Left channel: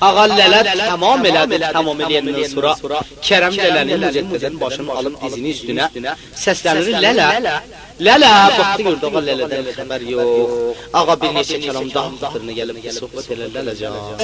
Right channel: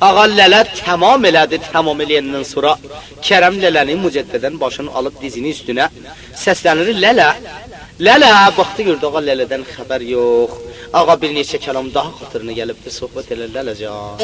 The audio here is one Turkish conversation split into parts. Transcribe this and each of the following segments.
Ağa lələ tamam elədi, tamam eləyəndən sonra Kərəm lələnin mücəddədən başını alıb dizini üstünə səslənir, lələ, lələ, baxdı gördü ağa lələdən xəbər yox. Ağa bir neçə kəlam daha xatırına gəlib ki, sohbət elə lələcan.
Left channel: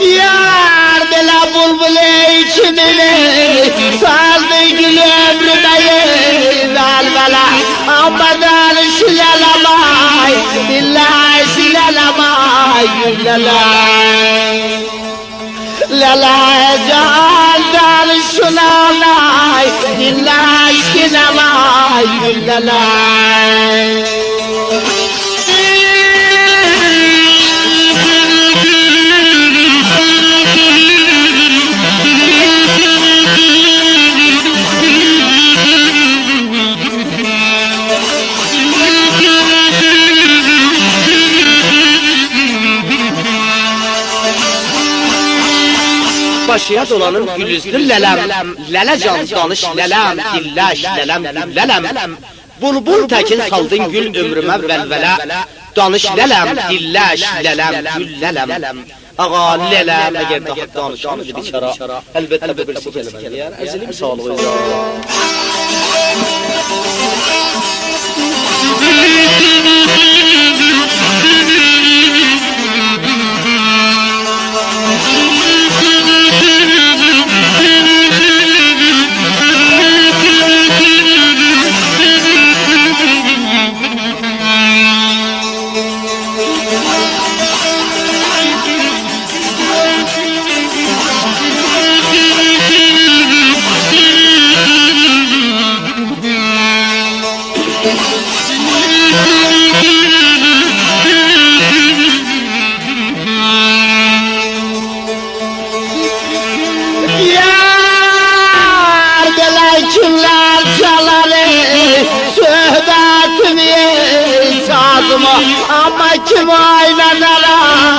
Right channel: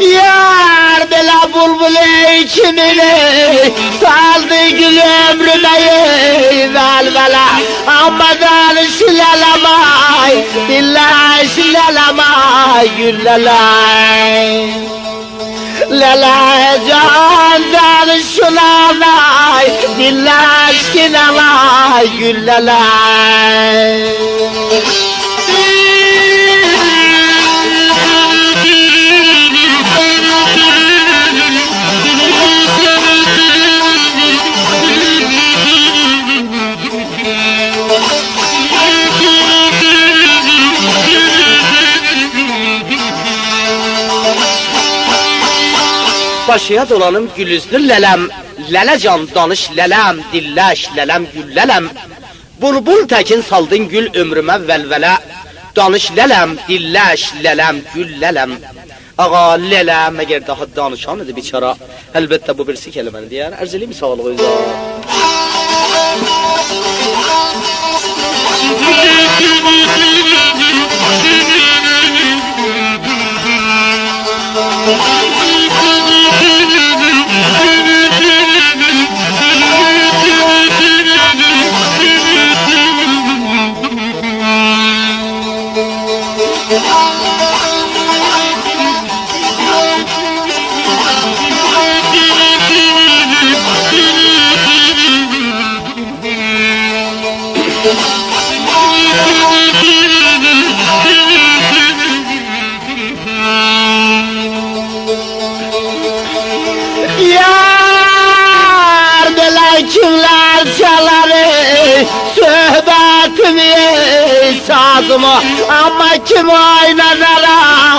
Yar bela bulbule içimine saldı gülüm dayı zalbala amadan şilalamay billahi şilalamay gülalay lala candan şulalay billahi şilalamay gülalay. Başıya dolanım gülüzlü lələm, lələcan danış lələm, dilləş lələm, gül lələm. Bulbul təkin saldın gül ömrümə vəlvələ, danış lələm, dilləş lələm, gül lələm. Ağa lələm, əgər daha danışanıdır biçara, əlbəttə bu birisi kelimədir, yəni əzilim sağlığı izah. Kimler çalar söhbetini sazımı ama kim oynanar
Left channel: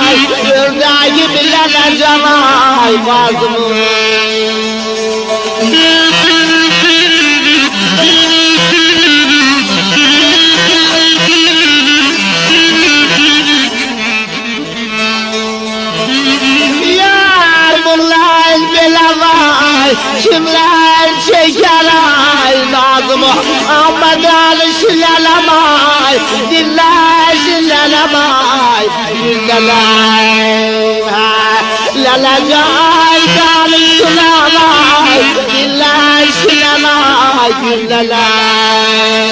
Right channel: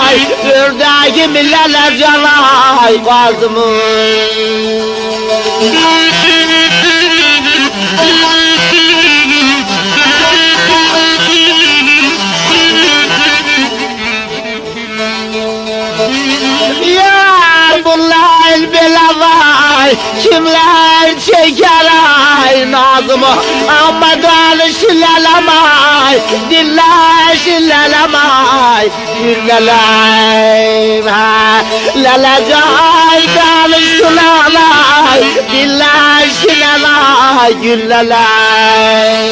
ay yüreği bileler canay bazımı. Yar bunlar belavay kimler çeker ay nazımı ama danışılalamay diller şilalamay diller lalacan danışılamay diller şilalamay diller.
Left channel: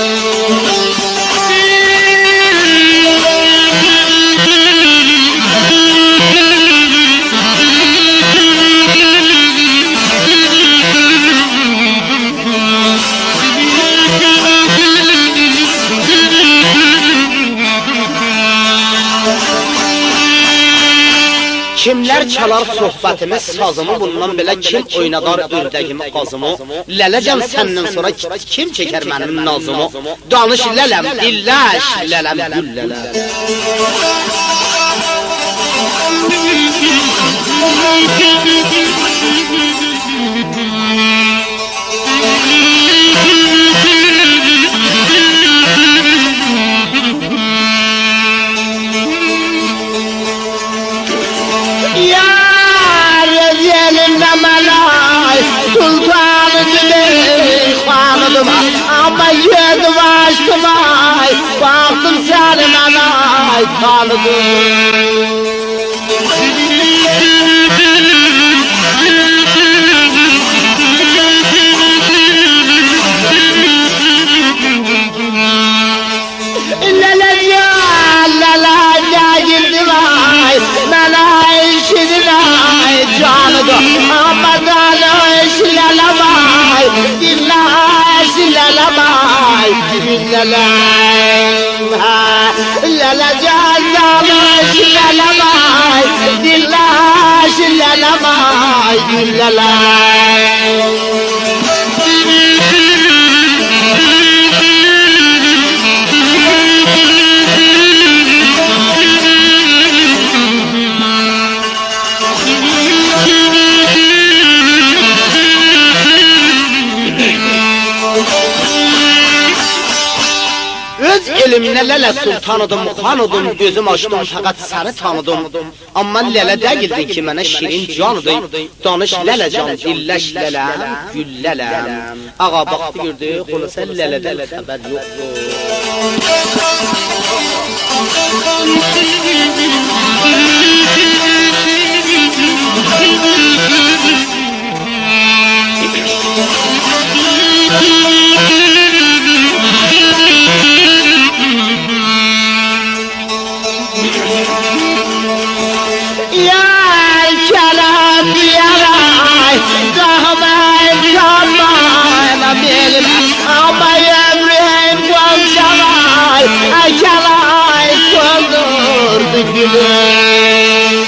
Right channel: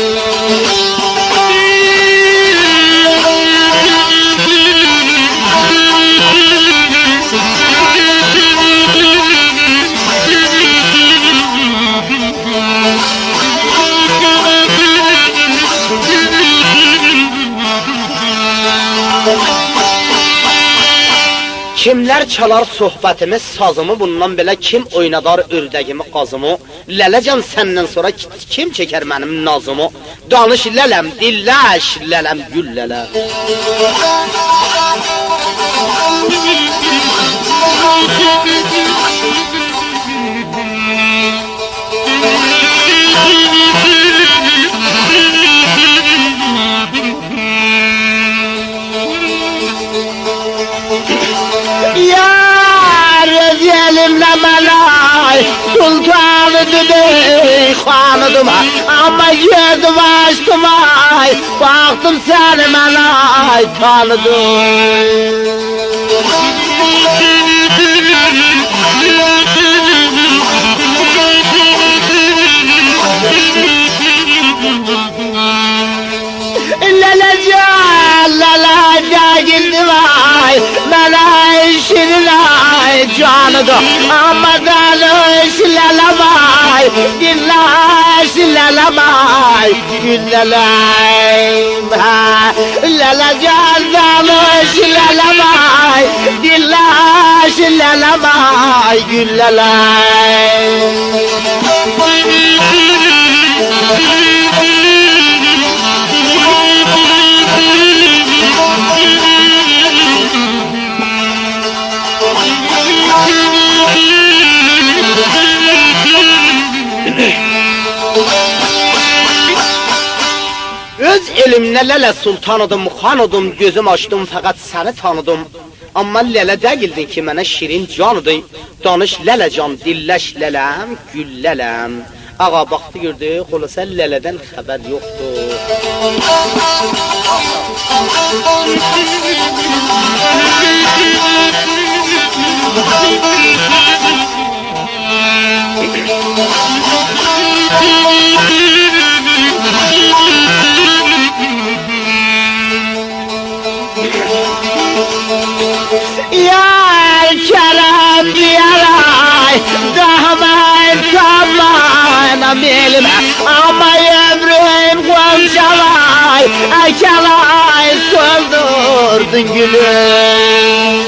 Kimlər çalar sohbətimi, sazımı, bundan belə kim oynadar ördəgimi, qazımı? Lələcan səndən sonra kim çəkər mənim nazımı? Danış lələm, dilləş lələm, gül lələm. ay sultanıdım ey hanıdım ama yedim açtım ay baktım seni ben ay tanıdım. Lalaca girdim ay ben ay şirin ay canıdım ama danış lalamay dillaş lalamay dillalayım lalaca danış lalamay dillaş lalamay dillalayım. Öz elimle Lele sultanıdım, xanıdım, gözüm açdım fakat seni tanıdım. Amma Lele değildin ki mənə şirin canıdın. Danış Lele can, dilleş lelem, gül lelem. Ağa baktı gördü, xulasa Lele'den haber yoktu. Yar çalam yaray Dağmay tamay benim ama ömrüm konşalay Aşalay soldurdu gülüm.